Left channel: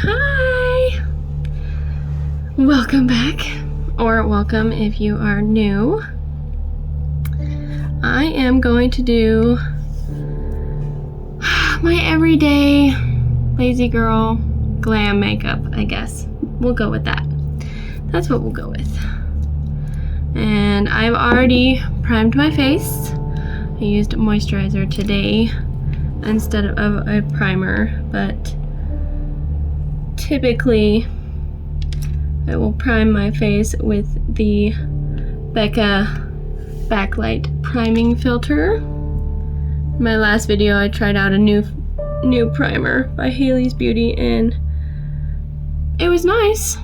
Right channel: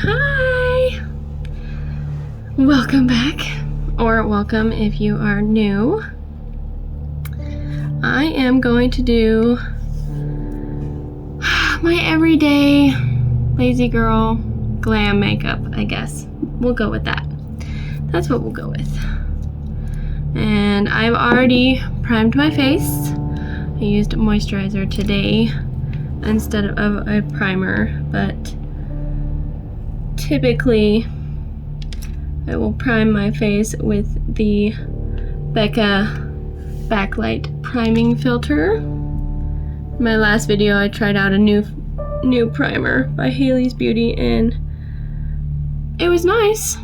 Hi! Welcome back, or welcome if you are new. I am going to do my everyday lazy girl glam makeup, I guess. We'll go with that. That's what we'll go with. And I've already primed my face. I used moisturizer today instead of a primer, but typically I will prime my face with the Becca Backlight Priming Filter. In my last video I tried out a new primer by Haley's Beauty and it was nice.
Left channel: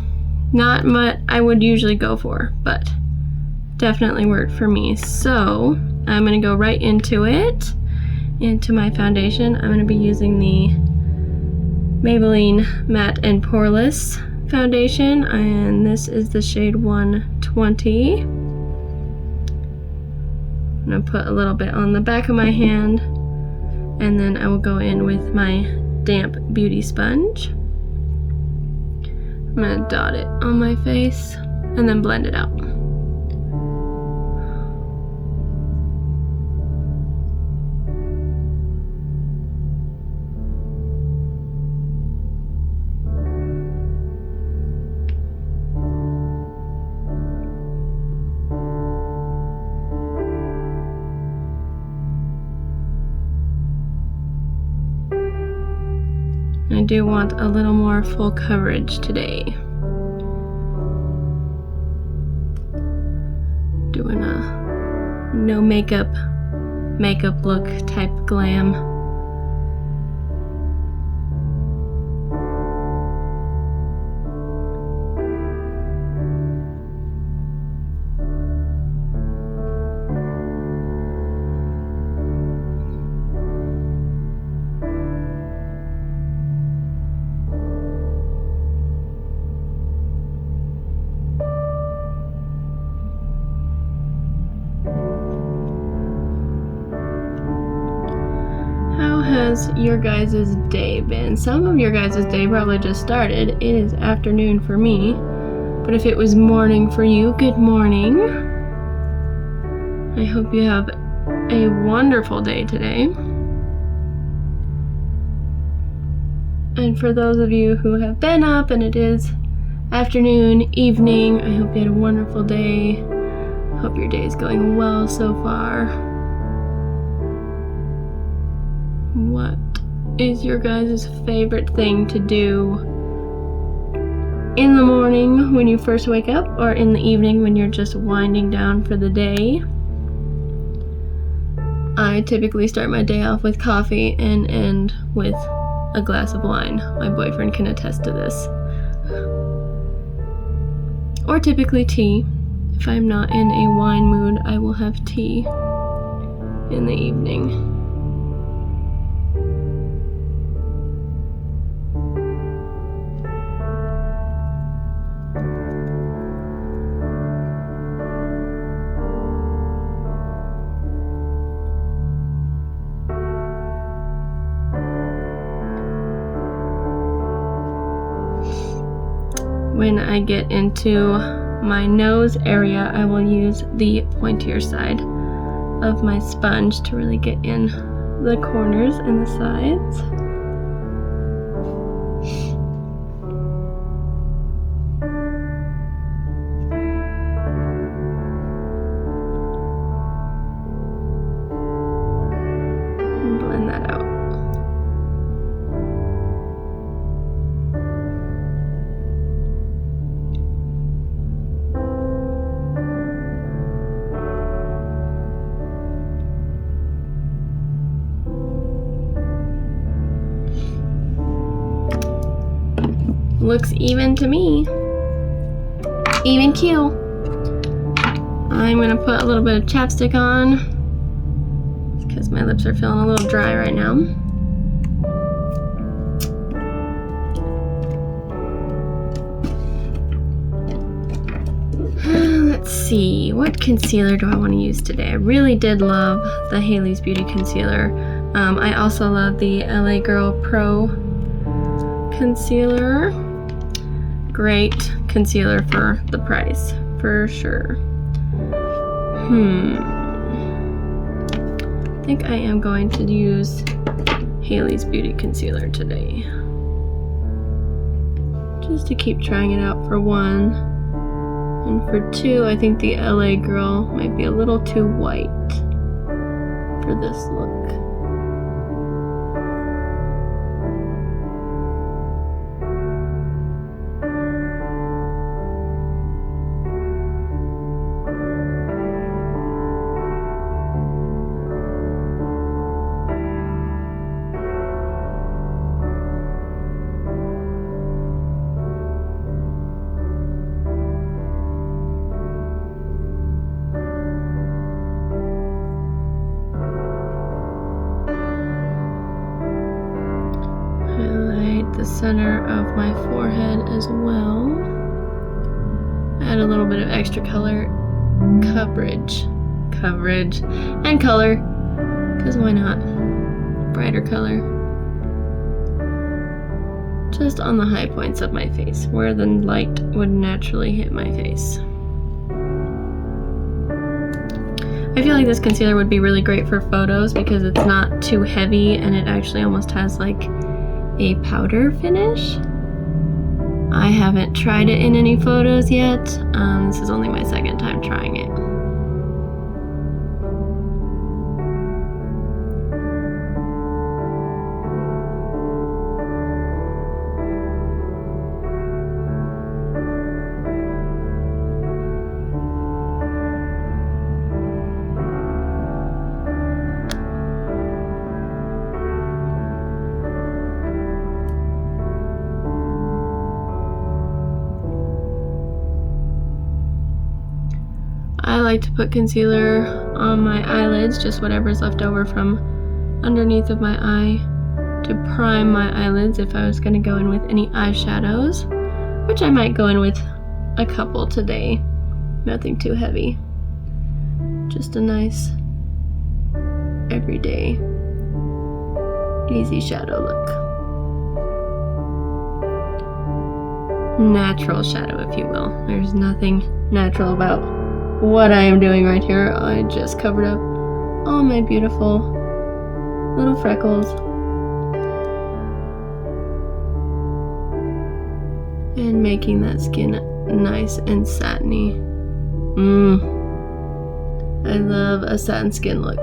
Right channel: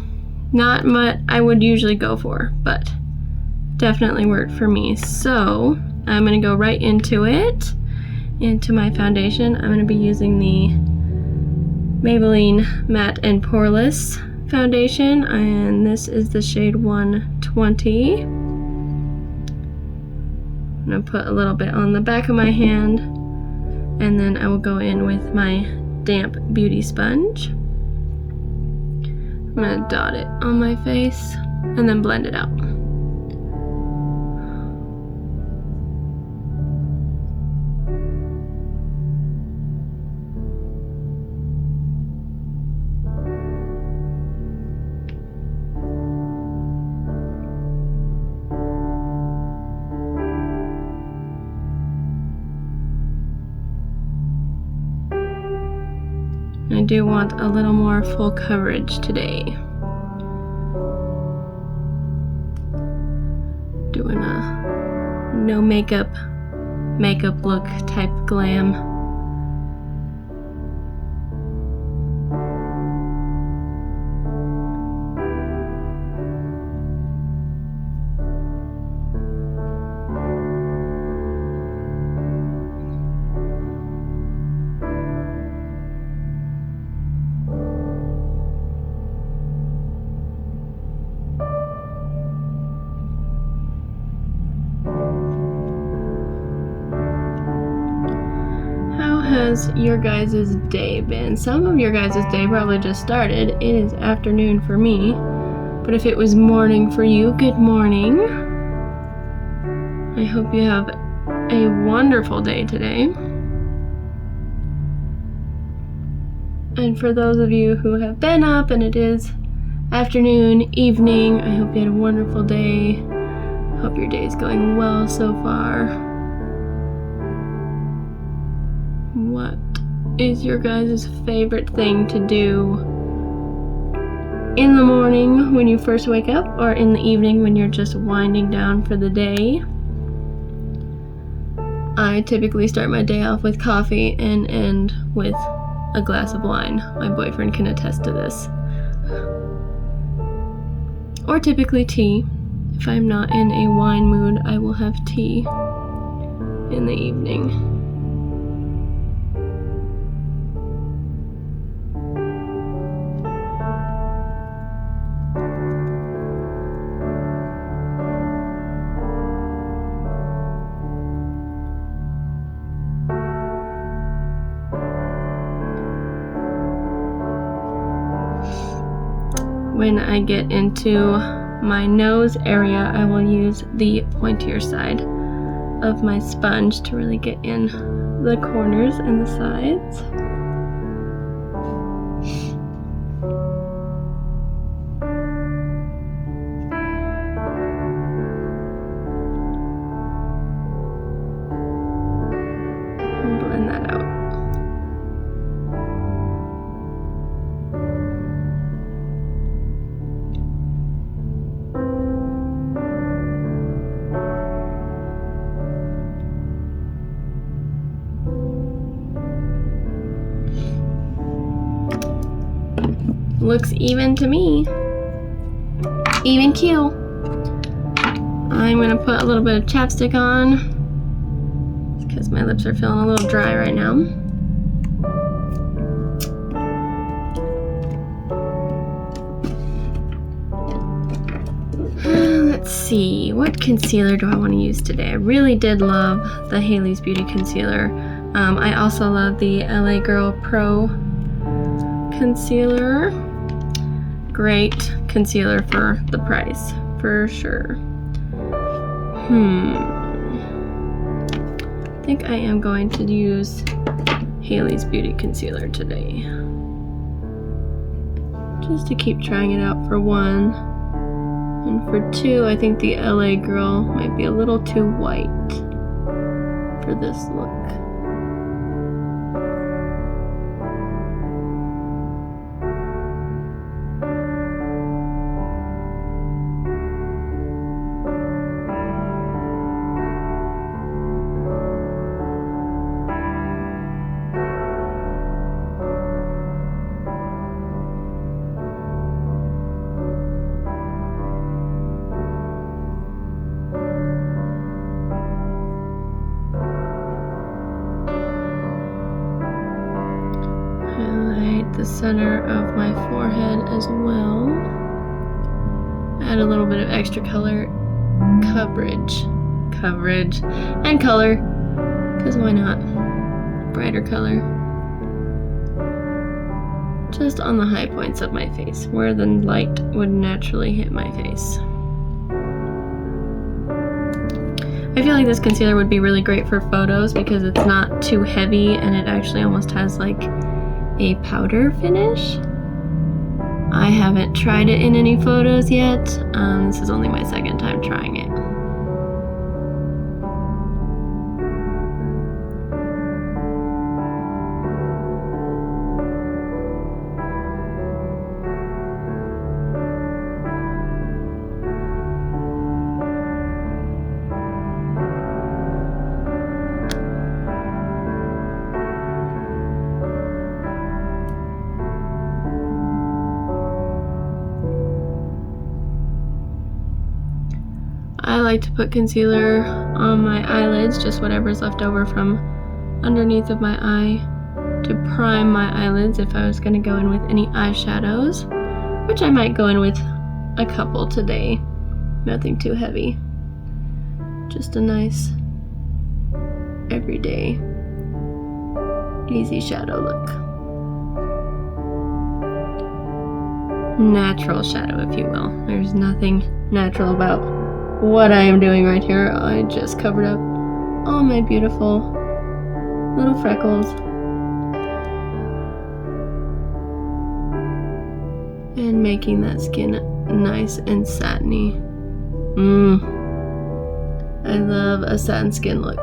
Not what I would usually go for, but definitely worked for me. So I'm going to go right into it, into my foundation. I'm going to be using the Maybelline Matte and Poreless foundation, and this is the shade 120. I'm going to put a little bit on the back of my hand, and then I will go in with my damp beauty sponge. I'm going to dot it on my face and then blend it out. I do want a little more full coverage today. Doing a no makeup look type glam. How has your guys' day been? Some of your guys' day probably just started. It is afternoon for me, but if it was morning for you, good morning. I hope you have a wonderful day today. And for those of you who have been up and it is afternoon, evening, I hope you had a wonderful day. Hope your day is going well so far. What is your guys' favorite thing to do in the morning when you first wake up, or in the evening when you're just winding down for the day? I typically start my day off with coffee and end with a glass of wine. My boyfriend can attest to this. Or typically tea. If I'm not in a wine mood, I will have tea in the evening. When I get into my nose area, I will use the pointier side of my sponge to really get in the corners and the sides. And blend that out. Looks even to me. Even cute. I'm gonna put a little bit of chapstick on because my lips are feeling a little dry right now. Let's see, what concealer do I want to use today? I really did love the Haley's Beauty concealer. I also love the LA Girl Pro concealer. Great concealer for the price, for sure. I think I am going to use Haley's Beauty Concealer today. Just to keep trying it out for one. And for two, I think the LA Girl might be a little too white for this look. Highlight the center of my forehead as well. Add a little bit of extra color coverage and color, because why not? Brighter color. Just on the high points of my face, where the light would naturally hit my face. I feel like this concealer would be really great for photos because it's not too heavy and it actually almost has like a powder finish. I haven't tried it in any photos yet. This is only my second time trying it. I like to put concealer on my eyelids, just whatever's left over from underneath of my eye, to prime my eyelids if I was going to go in with any eyeshadows, which I might go in with a couple today. Nothing too heavy. Just a nice, everyday, easy shadow look. Natural shadow, if you will. There's nothing natural about what I am doing right here. I just covered up all my beautiful little freckles and making that skin nice and satiny. I love a satin skin look.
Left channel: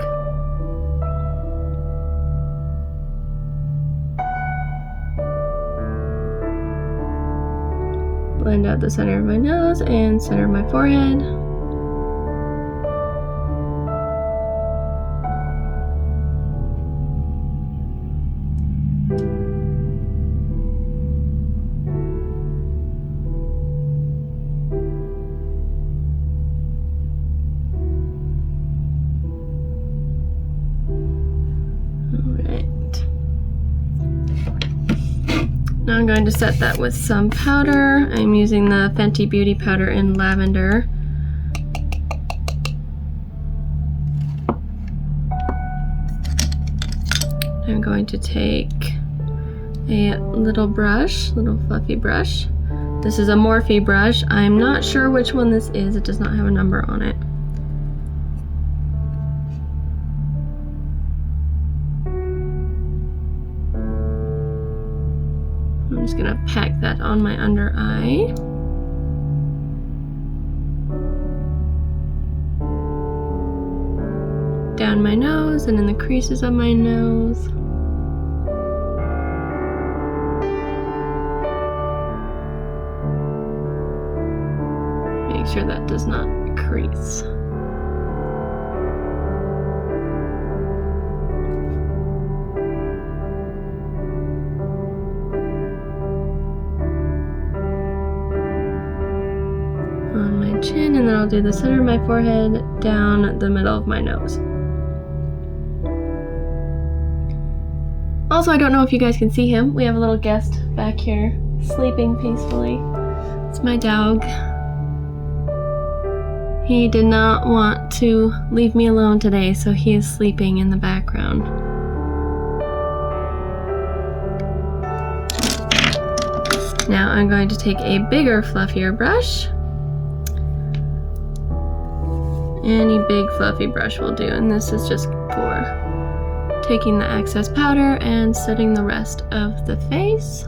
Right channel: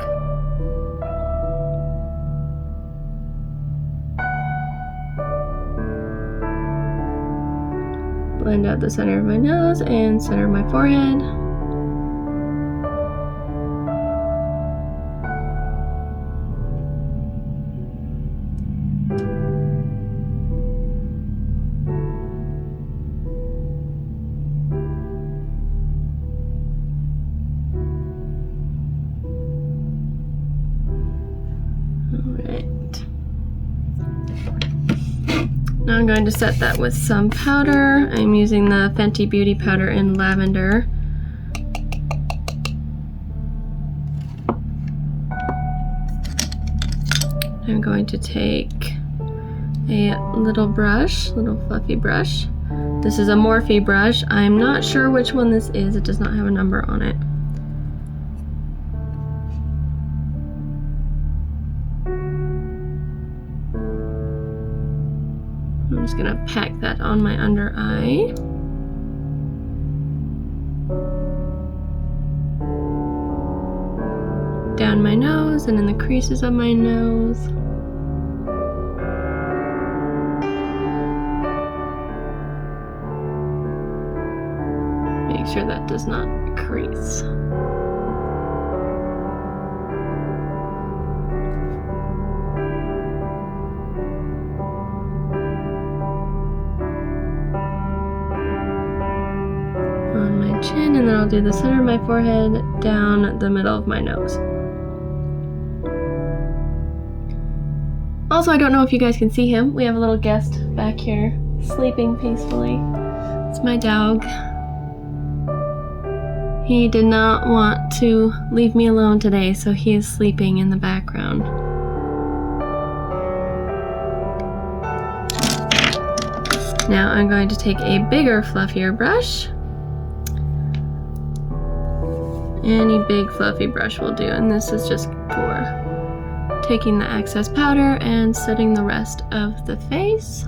Blend out the center of my nose and center of my forehead. Alright. Now I'm going to set that with some powder. I'm using the Fenty Beauty powder in lavender. I'm going to take a little brush, little fluffy brush. This is a Morphe brush. I'm not sure which one this is. It does not have a number on it. I'm just gonna pack that on my under eye. Down my nose and in the creases of my nose. Make sure that does not crease. On my chin, and then I'll do the center of my forehead down the middle of my nose. Also, I don't know if you guys can see him. We have a little guest back here sleeping peacefully. It's my dog. He did not want to leave me alone today, so he is sleeping in the background. Now I'm going to take a bigger, fluffier brush. Any big fluffy brush will do, and this is just for taking the excess powder and setting the rest of the face.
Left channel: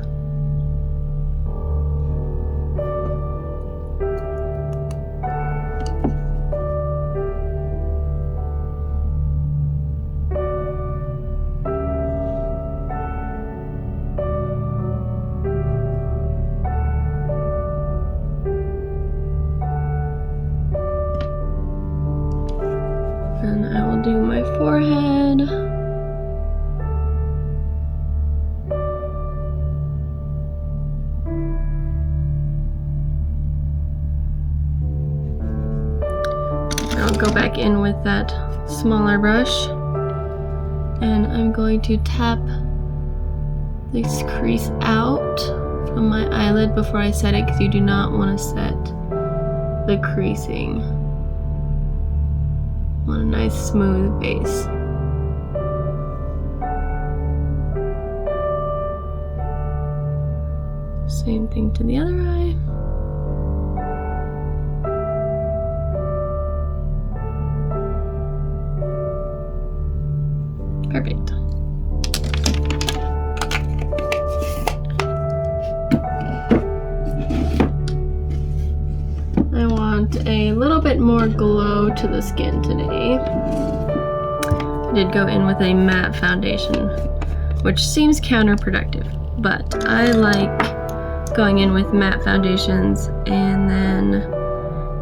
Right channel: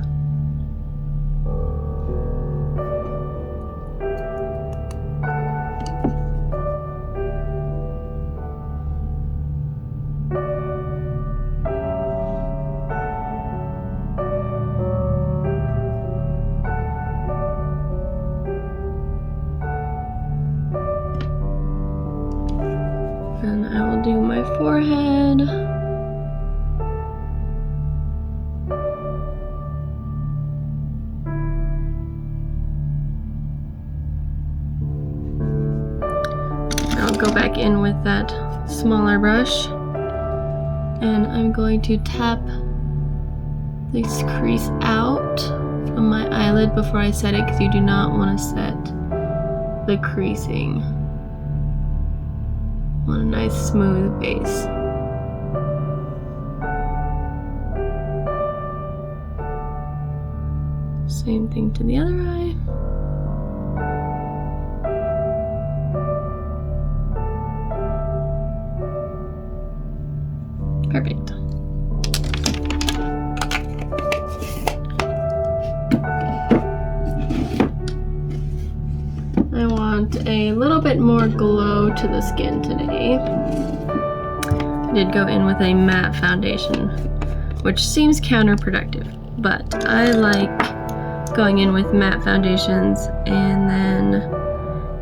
And I will do my forehead. I'll go back in with that smaller brush, and I'm going to tap this crease out from my eyelid before I set it, because you do not want to set the creasing. Want a nice smooth base. Same thing to the other eye. Perfect. I want a little bit more glow to the skin today. I did go in with a matte foundation, which seems counterproductive, but I like going in with matte foundations and then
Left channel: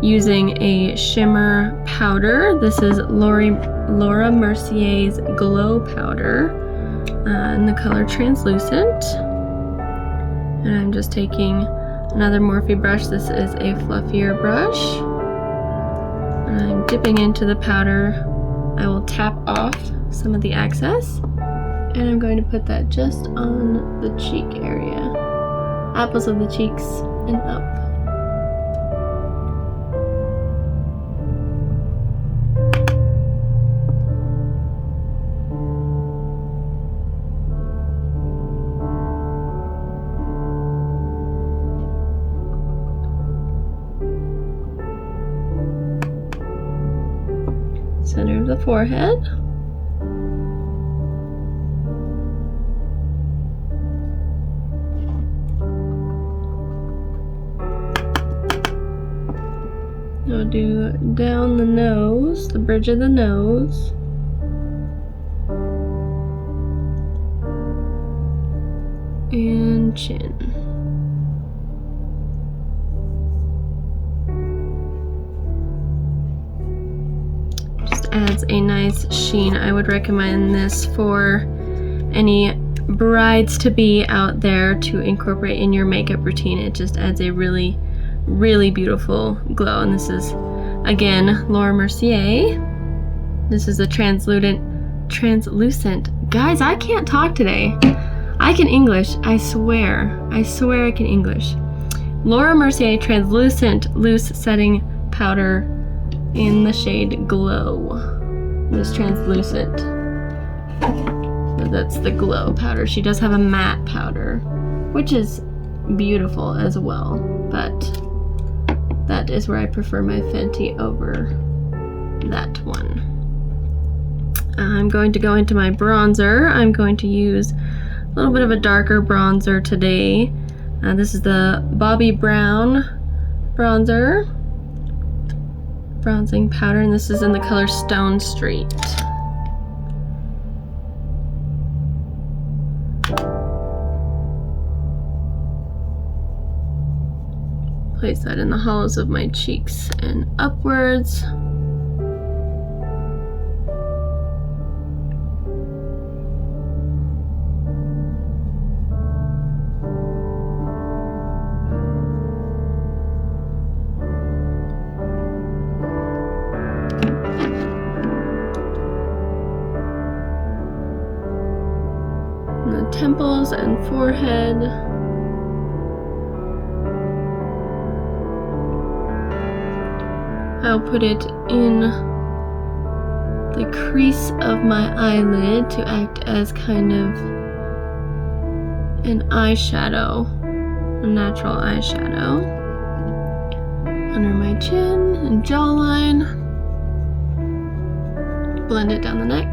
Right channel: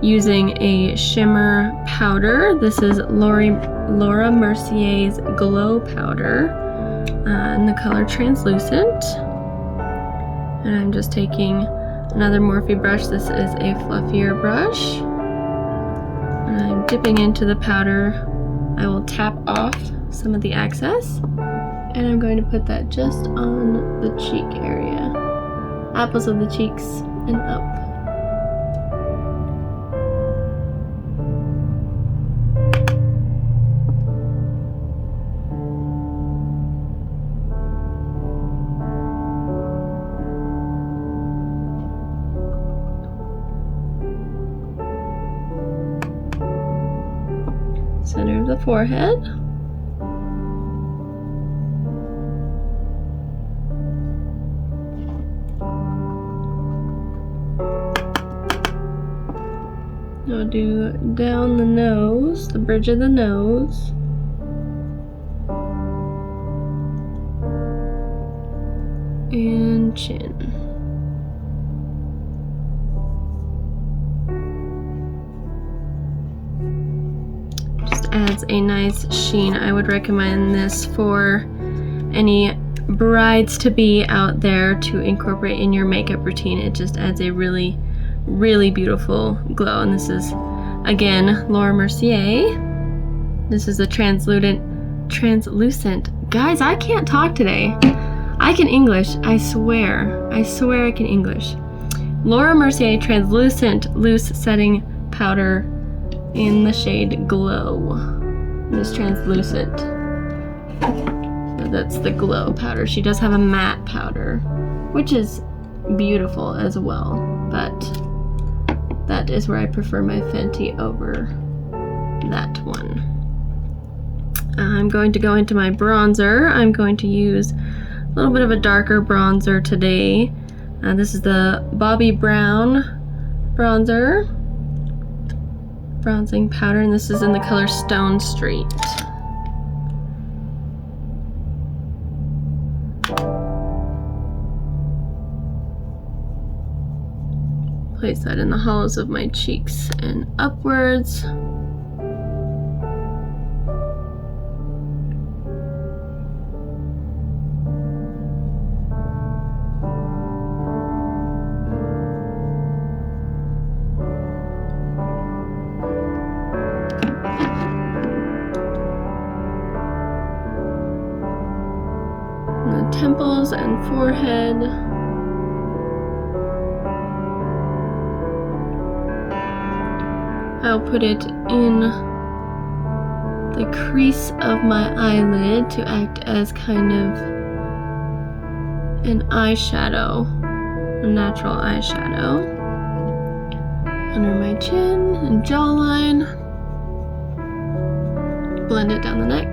using a shimmer powder. This is Laura Mercier's Glow Powder in the color Translucent. And I'm just taking another Morphe brush. This is a fluffier brush. And I'm dipping into the powder. I will tap off some of the excess. And I'm going to put that just on the cheek area. Apples of the cheeks and up. Center of the forehead. I'll do down the nose, the bridge of the nose. And chin. Adds a nice sheen. I would recommend this for any brides-to-be out there to incorporate in your makeup routine. It just adds a really, really beautiful glow. And this is, again, Laura Mercier. This is a translucent. Guys, I can't talk today. I can English, I swear. I swear I can English. Laura Mercier Translucent Loose Setting Powder in the shade Glow. This translucent. So that's the Glow powder. She does have a matte powder, which is beautiful as well, but that is where I prefer my Fenty over that one. I'm going to go into my bronzer. I'm going to use a little bit of a darker bronzer today. This is the Bobbi Brown bronzer. Bronzing powder, and this is in the color Stone Street. Place that in the hollows of my cheeks and upwards. The temples and forehead. I'll put it in the crease of my eyelid to act as kind of an eyeshadow a natural eyeshadow under my chin and jawline. Blend it down the neck.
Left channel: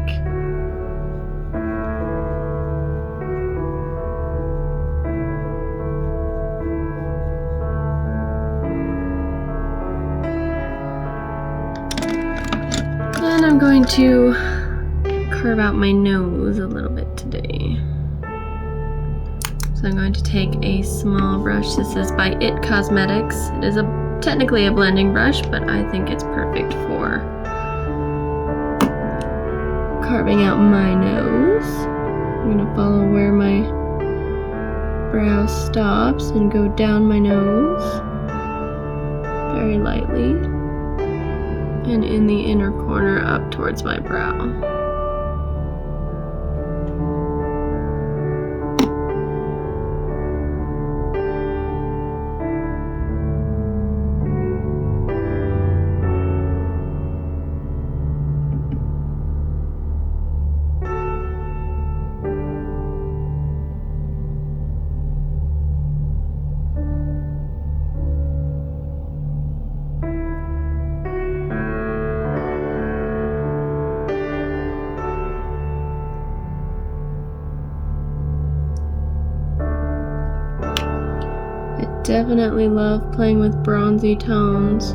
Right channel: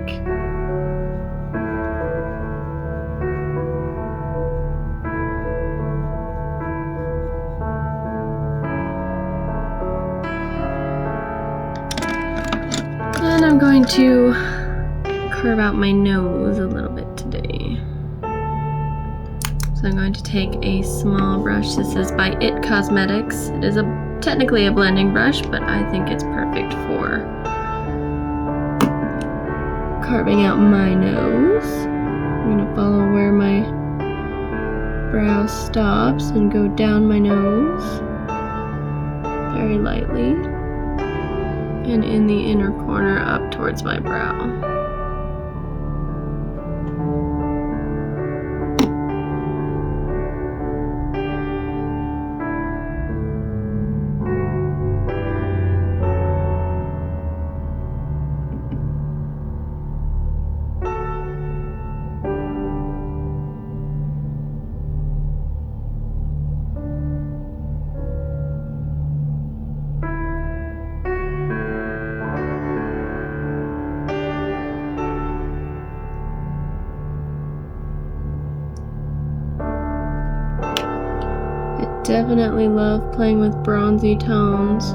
And I'm going to carve out my nose a little bit today. So I'm going to take a small brush. This is by It Cosmetics. It is technically a blending brush, but I think it's perfect for carving out my nose. I'm going to follow where my brow stops and go down my nose very lightly, and in the inner corner up towards my brow. Definitely love playing with bronzy tones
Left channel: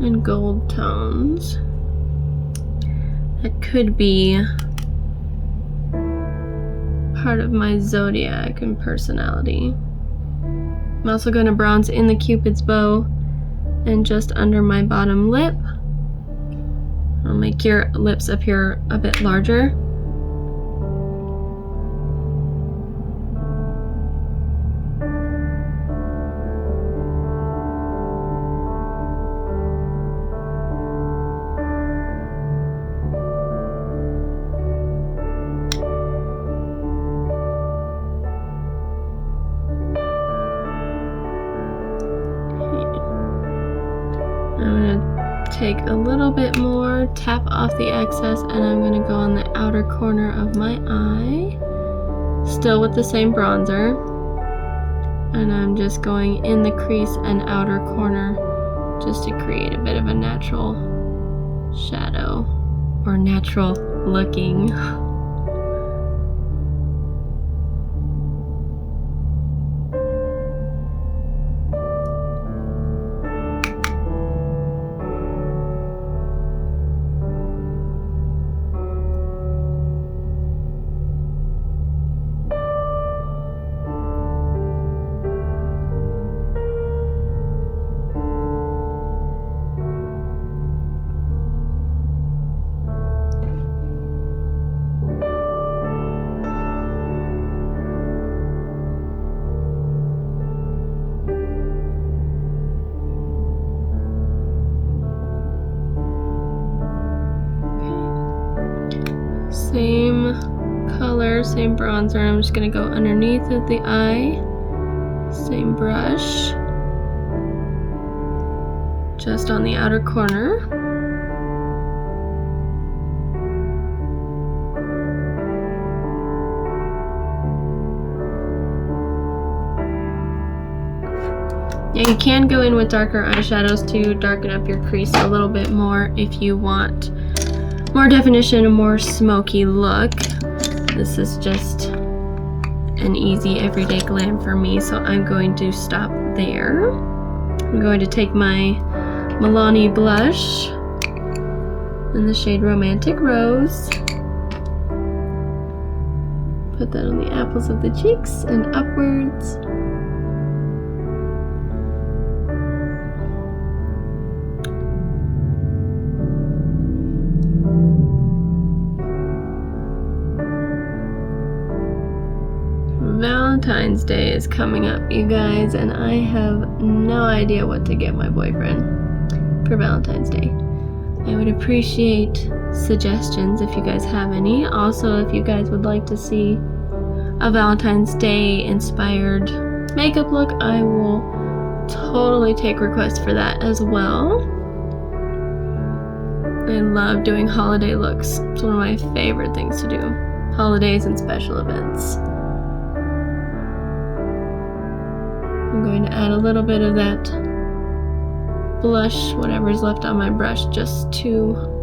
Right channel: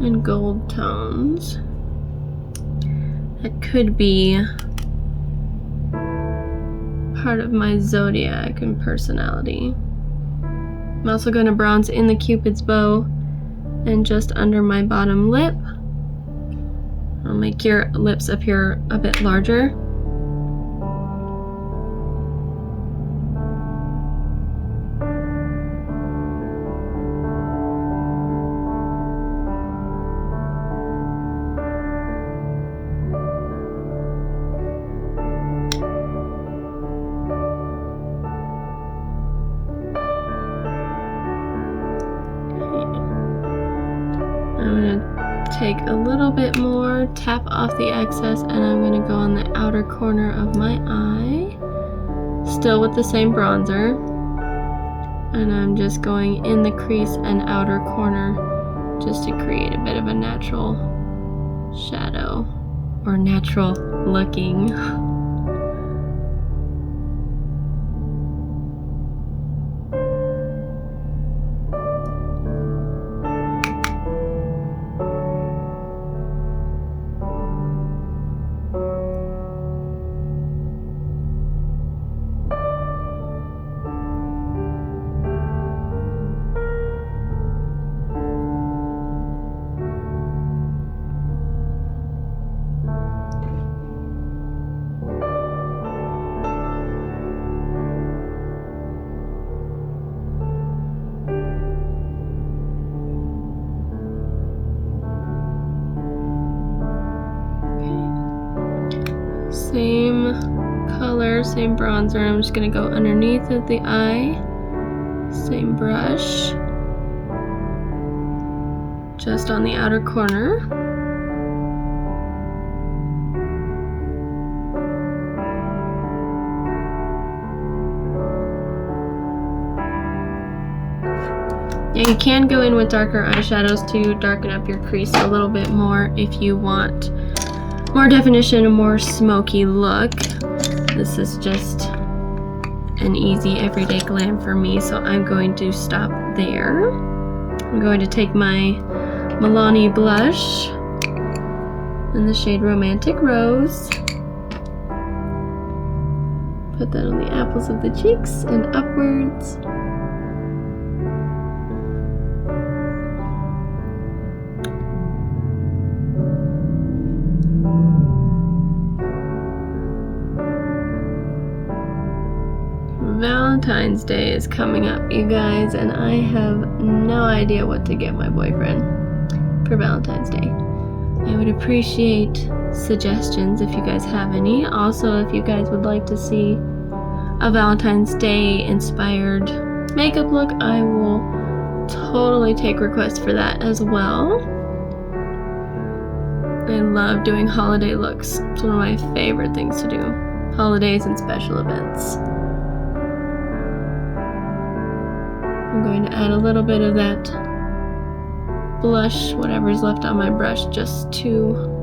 and gold tones. That could be part of my zodiac and personality. I'm also going to bronze in the Cupid's bow and just under my bottom lip. I'll make your lips appear a bit larger. I'm going to take a little bit more, tap off the excess, and I'm going to go on the outer corner of my eye, still with the same bronzer, and I'm just going in the crease and outer corner just to create a bit of a natural shadow, or natural looking. Same color, same bronzer. I'm just going to go underneath of the eye. Same brush. Just on the outer corner. Yeah, you can go in with darker eyeshadows to darken up your crease a little bit more if you want more definition, a more smoky look. This is just an easy everyday glam for me, so I'm going to stop there. I'm going to take my Milani blush in the shade Romantic Rose. Put that on the apples of the cheeks and upwards. Valentine's Day is coming up, you guys, and I have no idea what to get my boyfriend for Valentine's Day. I would appreciate suggestions if you guys have any. Also, if you guys would like to see a Valentine's Day inspired makeup look, I will totally take requests for that as well. I love doing holiday looks. It's one of my favorite things to do. Holidays and special events. I'm going to add a little bit of that blush, whatever's left on my brush, just to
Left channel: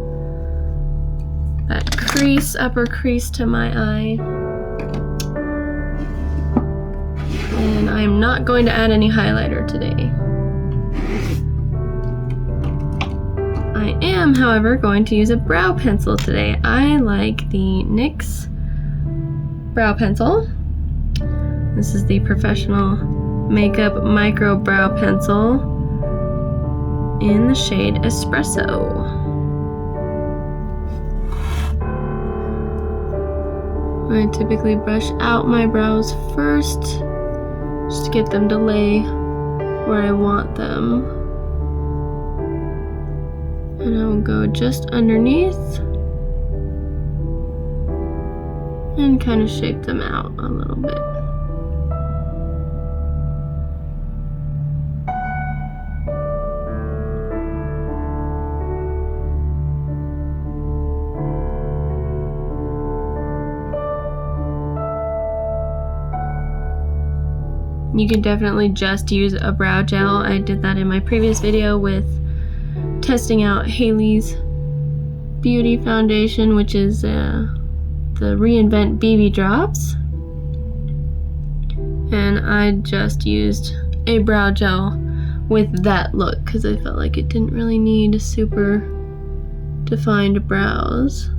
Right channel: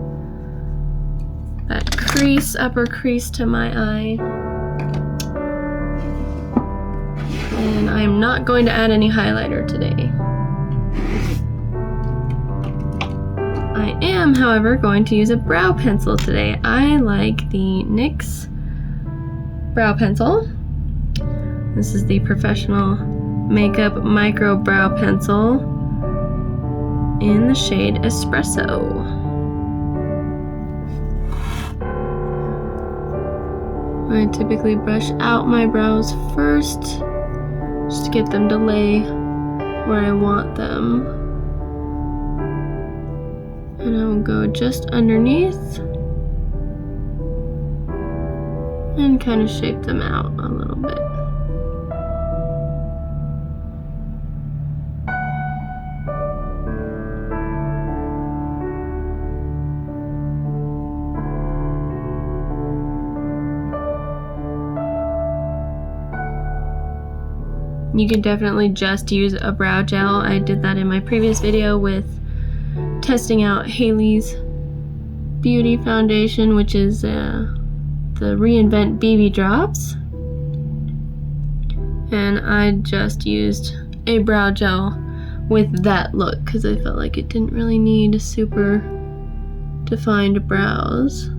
that crease, upper crease to my eye. And I'm not going to add any highlighter today. I am, however, going to use a brow pencil today. I like the NYX brow pencil. This is the Professional Makeup Micro Brow Pencil in the shade Espresso. I typically brush out my brows first, just to get them to lay where I want them. And I will go just underneath and kind of shape them out a little bit. You could definitely just use a brow gel. I did that in my previous video with testing out Haley's Beauty Foundation, which is the Reinvent BB Drops. And I just used a brow gel with that look because I felt like it didn't really need super defined brows.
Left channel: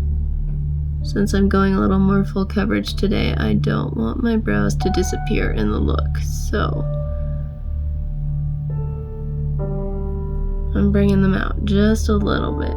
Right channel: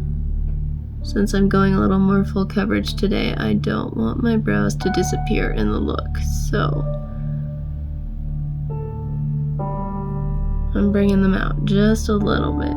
Since I'm going a little more full coverage today, I don't want my brows to disappear in the look, so I'm bringing them out just a little bit.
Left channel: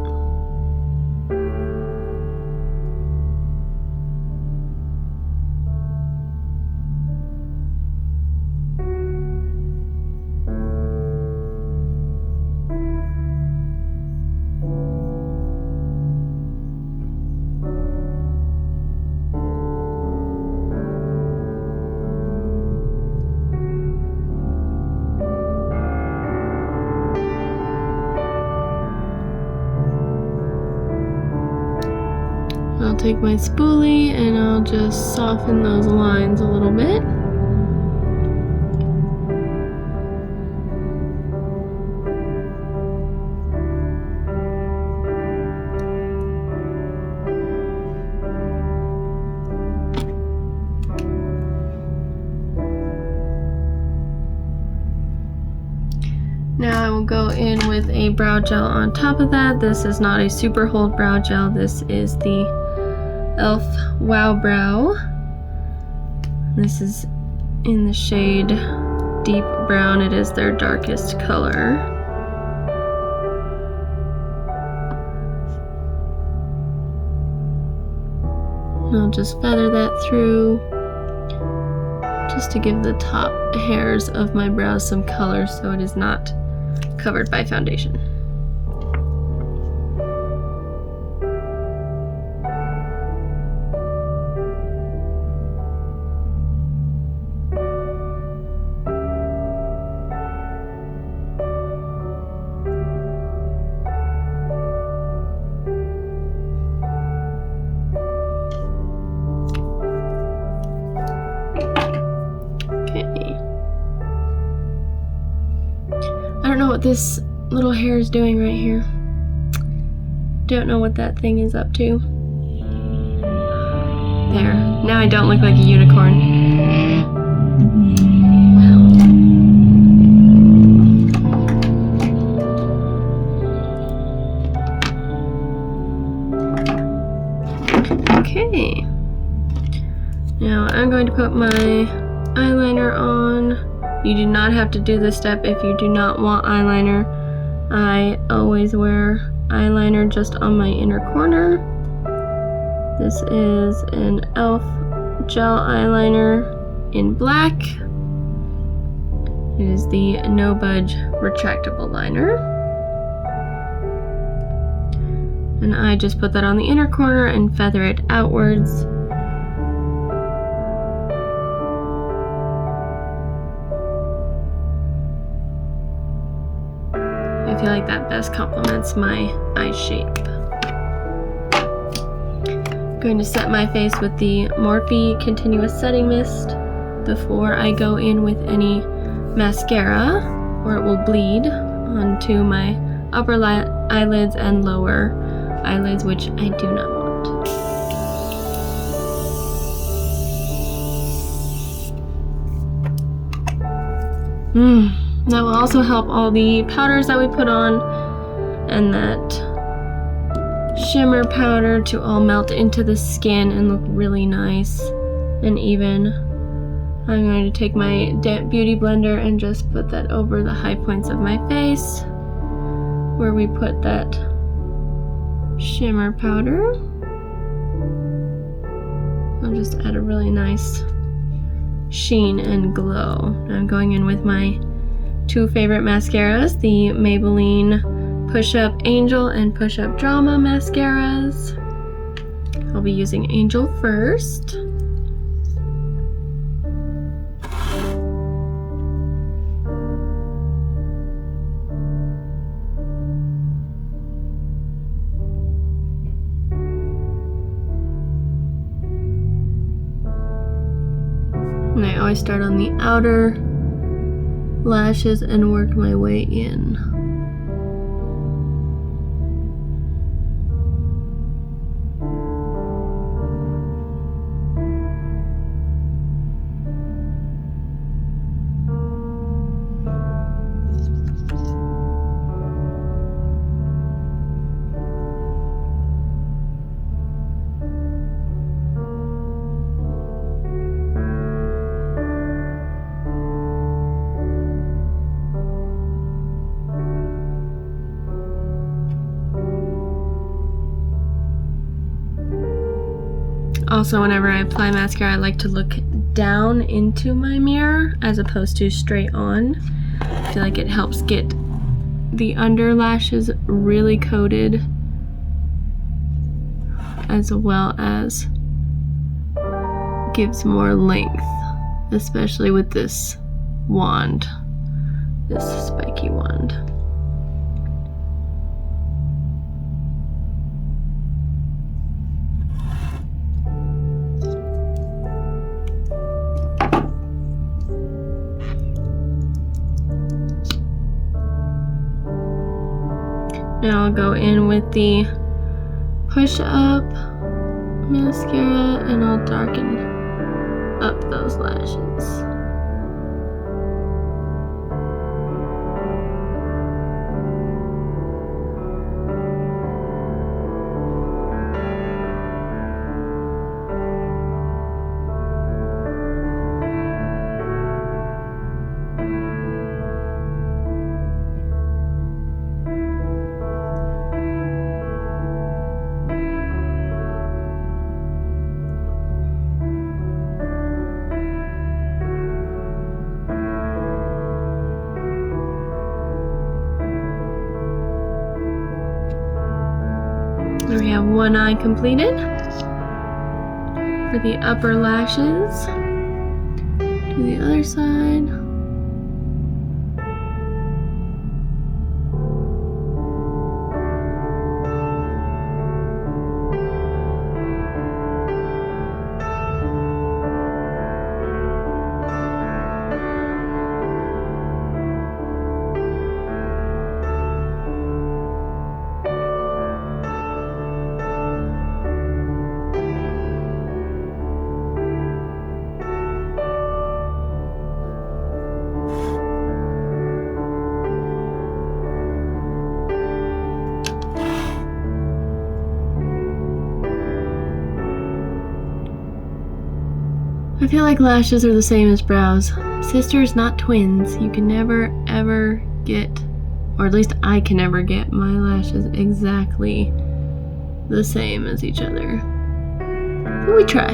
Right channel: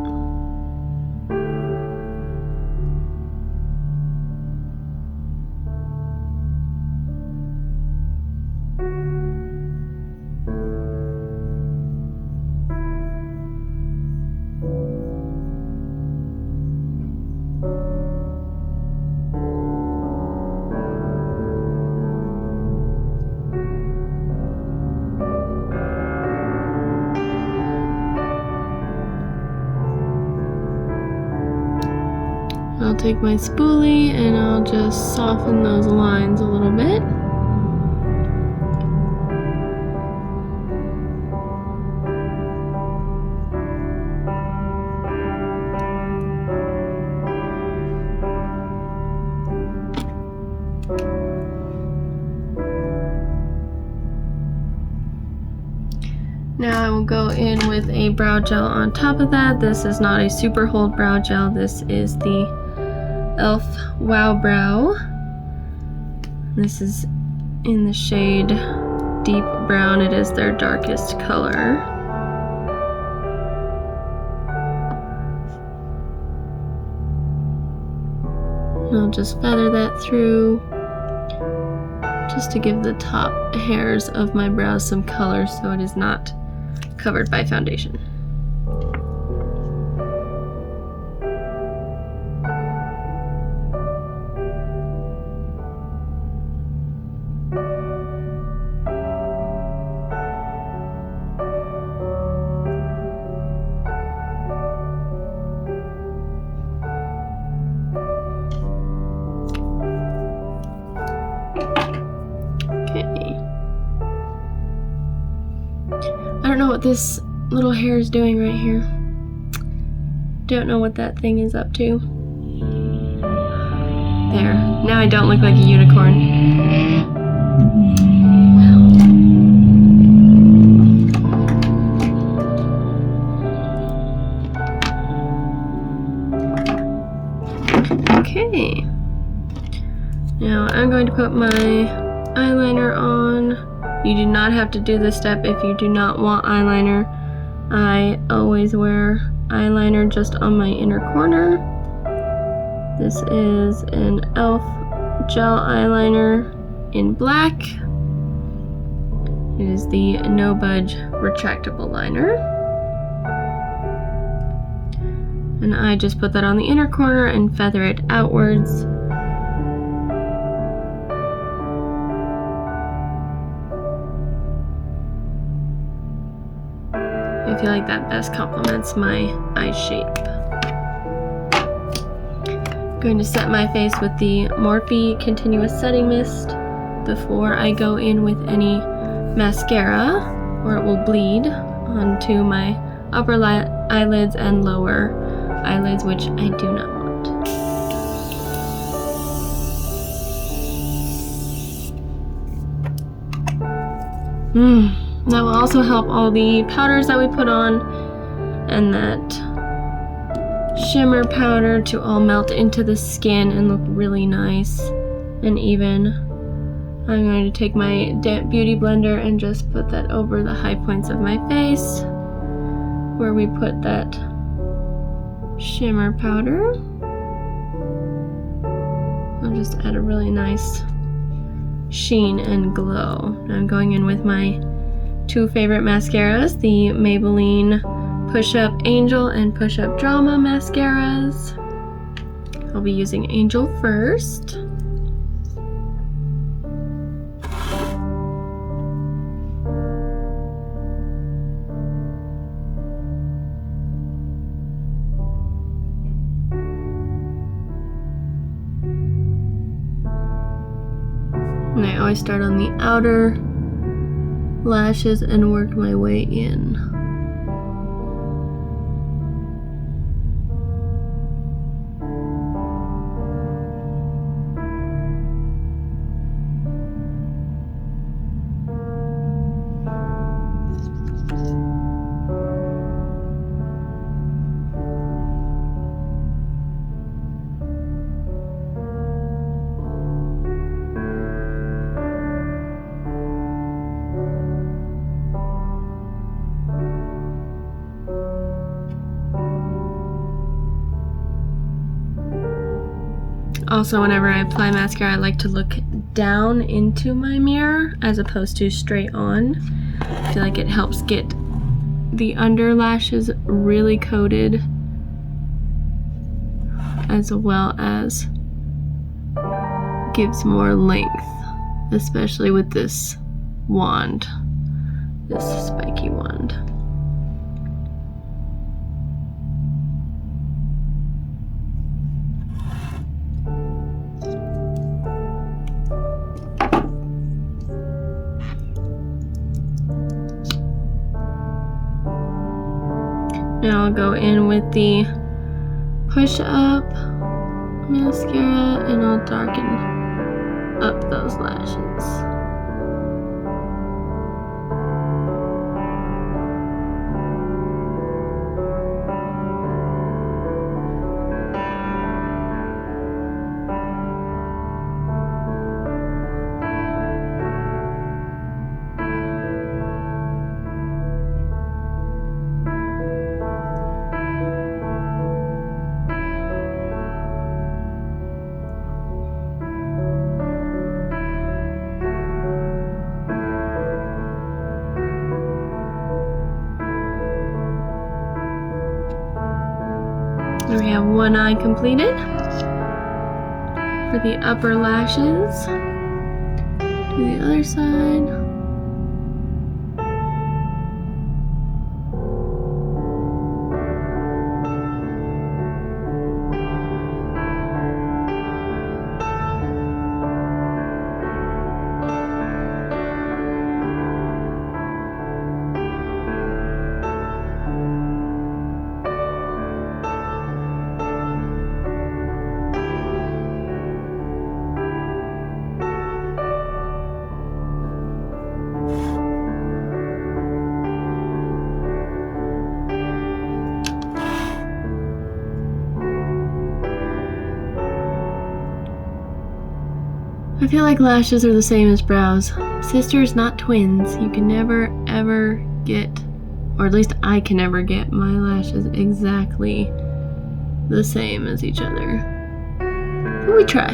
I'll take my spoolie and I'll just soften those lines a little bit. Now I will go in with a brow gel on top of that. This is not a super hold brow gel. This is the e.l.f. Wow Brow. This is in the shade Deep Brown. It is their darkest color. And I'll just feather that through just to give the top hairs of my brows some color so it is not covered by foundation. I don't know what this little hair is doing right here. Don't know what that thing is up to. There. Now I don't look like a unicorn. Okay. Now I'm going to put my eyeliner on. You do not have to do this step if you do not want eyeliner. I always wear eyeliner just on my inner corner. This is an e.l.f. gel eyeliner in black. It is the No Budge retractable liner. And I just put that on the inner corner and feather it outwards. I feel like that best complements my eye shape. I'm going to set my face with the Morphe Continuous Setting Mist before I go in with any mascara, or it will bleed onto my upper eyelids and lower eyelids, which I do not want. That will also help all the powders that we put on and that shimmer powder to all melt into the skin and look really nice and even. I'm going to take my damp beauty blender and just put that over the high points of my face where we put that shimmer powder. I'll just add a really nice sheen and glow. I'm going in with my two favorite mascaras, the Maybelline Push Up Angel and Push Up Drama mascaras. I'll be using Angel first. And I always start on the outer lashes and work my way in. Also, whenever I apply mascara, I like to look down into my mirror as opposed to straight on. I feel like it helps get the under lashes really coated, as well as gives more length, especially with this wand, this spiky wand. Now I'll go in with the Push Up mascara and I'll darken up those lashes. We have one eye completed. For the upper lashes, to the other side. I feel like lashes are the same as brows. Sisters, not twins. You can never ever get, or at least I can never get my lashes exactly the same as each other. But we try.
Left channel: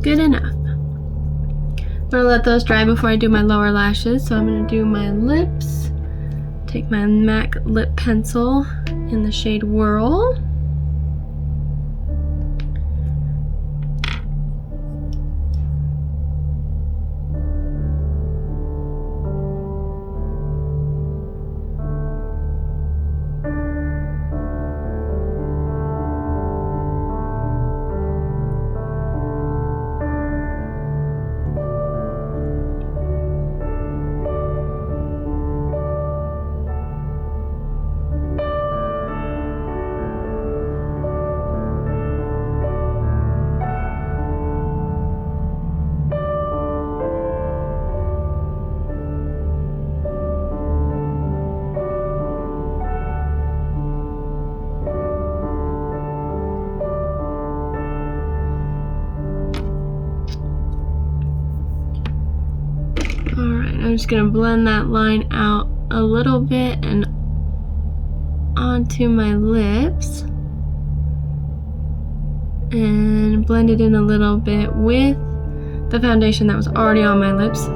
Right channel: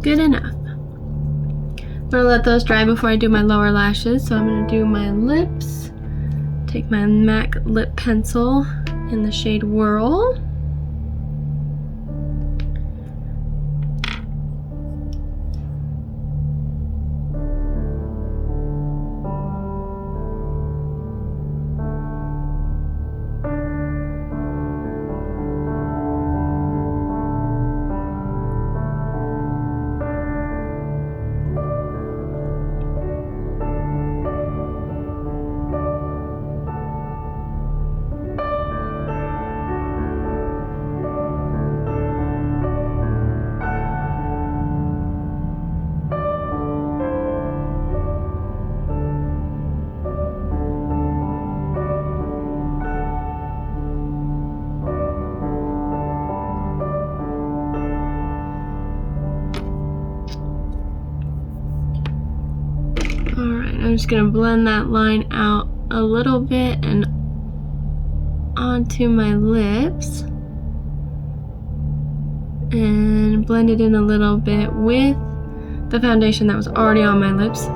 Good enough. I'm gonna let those dry before I do my lower lashes, so I'm gonna do my lips. Take my MAC lip pencil in the shade Whirl. I'm just gonna blend that line out a little bit and onto my lips. And blend it in a little bit with the foundation that was already on my lips.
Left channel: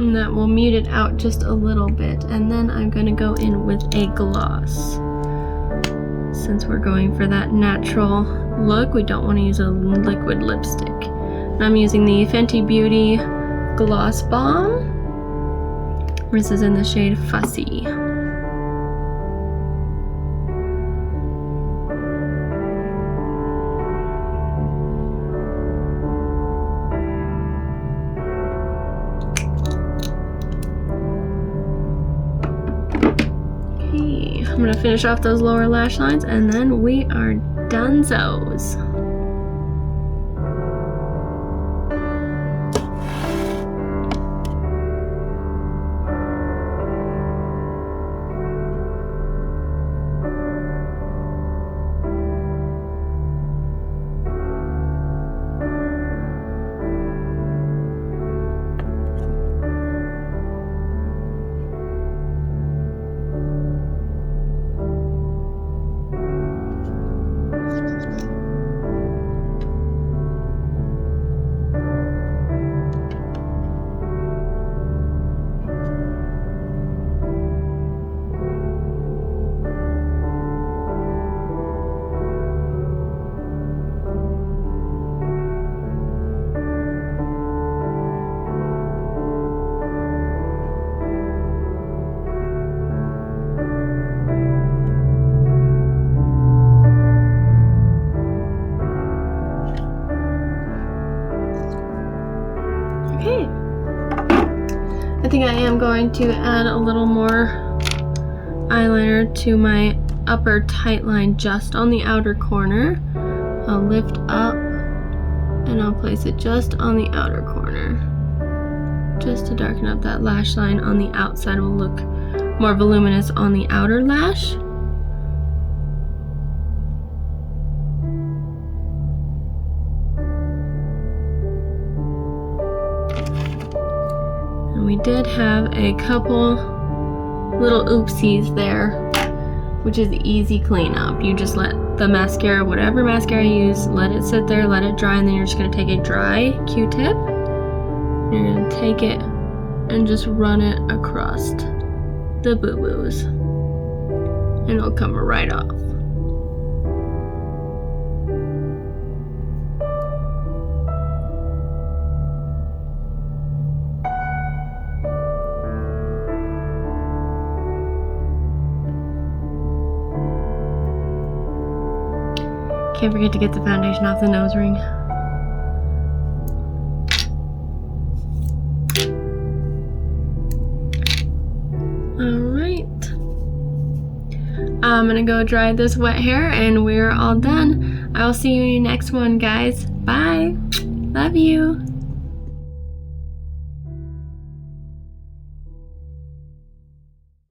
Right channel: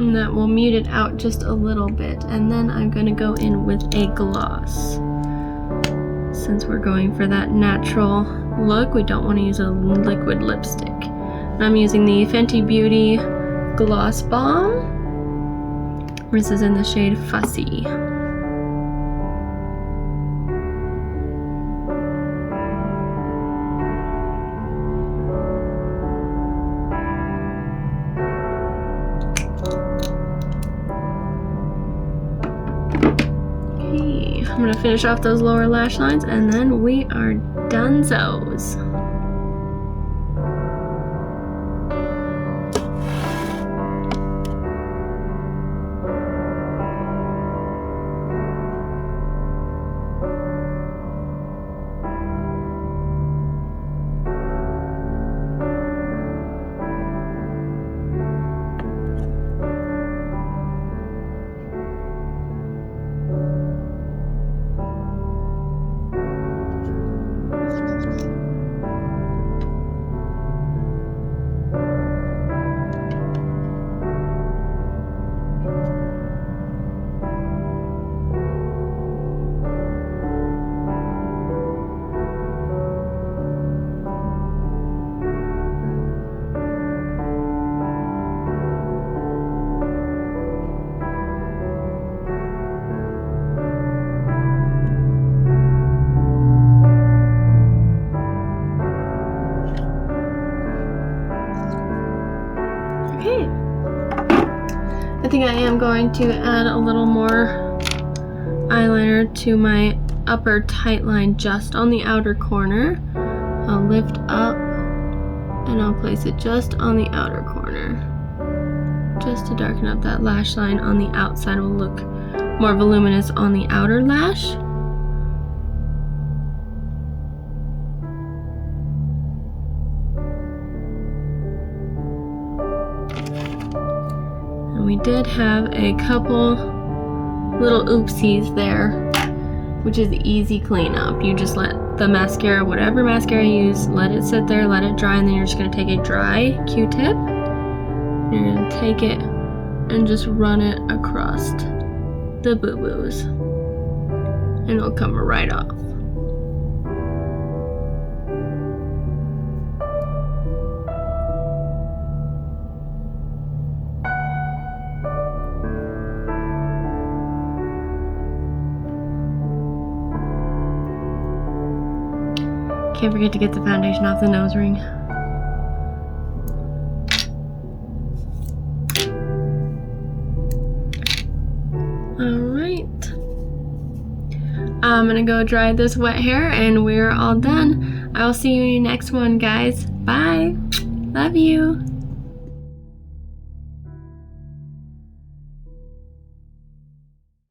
And that will mute it out just a little bit. And then I'm going to go in with a gloss. Since we're going for that natural look, we don't want to use a liquid lipstick. And I'm using the Fenty Beauty Gloss Bomb. This is in the shade Fussy. I'm gonna finish off those lower lash lines and then we are donezos. Okay, I think I am going to add a little more eyeliner to my upper tight line just on the outer corner. I'll lift up and I'll place it just on the outer corner, just to darken up that lash line on the outside. Will look more voluminous on the outer lash. And we did have a couple little oopsies there, which is easy cleanup. You just let the mascara, whatever mascara you use, let it sit there, let it dry, and then you're just gonna take a dry Q-tip. You're gonna take it and just run it across the boo-boos, and it'll come right off. Can't forget to get the foundation off the nose ring. Alright. I'm gonna go dry this wet hair and we're all done. I will see you in your next one, guys. Bye. Love you.